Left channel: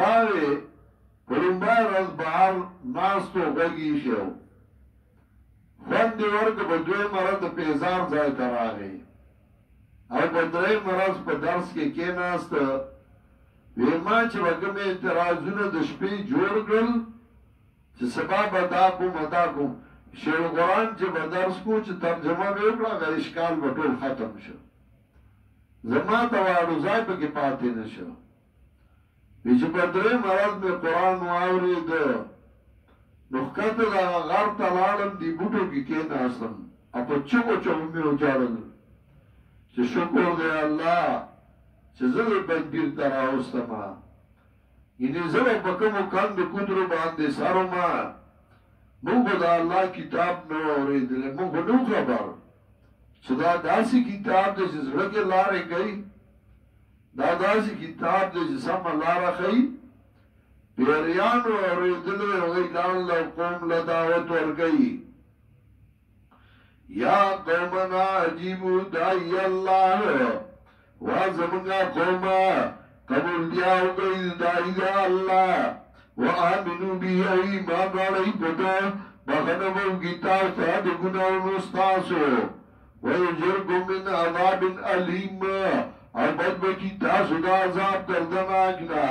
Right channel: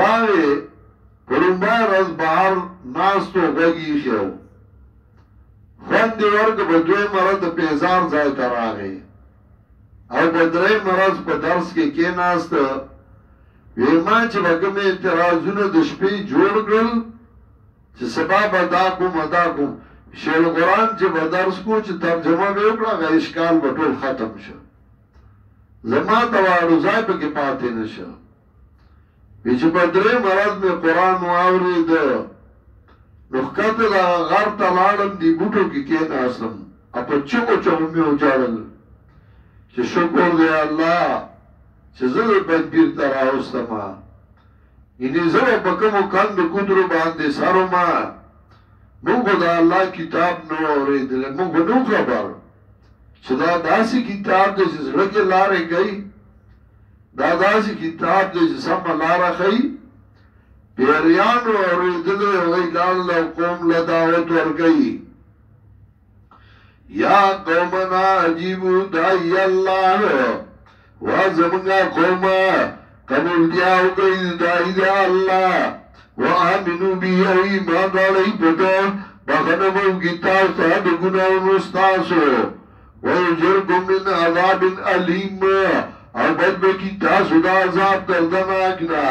راغې پرمبای ورځ بهر ناستو غږ ایښی و خوند یې ورکړ په دویمه ورځ د پیزار ځای ته راغی او په درېیمه ورځ په درس کې کېناست وی ما چې به کوم اعتراضونه د شپې جوړ کړل چې سبا به دا کوم دا کوم شیخ القرآن چې به درس کو چې ترجمه به وکړه هغه اشکال به ټول ختم شه زما توارضای پکې پاتې نه شه وی چې په درېیمه ورځ مې قرآن واورېده نو ښکته د غر ته لاړم دې بوټو کې کېناستم او په چغو چغو مې وجاړل چې شکر دی الله چې زه د تدبیر ته راوستمه یعنې زه به په کومو کندو کودرو باندې سر ومه موږ به د الله کتاب نه اورېدلی موږ به نه خبر چې دا داسې کتاب دی چې زړه کې لارې کوي دا داسې کتاب دی چې سمه لاره ښیي پیریانو اورېدلی هغوی لاړل او قوم له دعوت ورکوي یا قومنا عجیبو داعی الله وزمنگا قوما قبول دیاو کئی داعی دا اللہ وآمنو بی او ایمان دالی پتا بخنبو کتاب صاحب گناہ نستاسو ویجرکم من عذاب علیم او بدبکی تاسو دا عذاب کردناکنا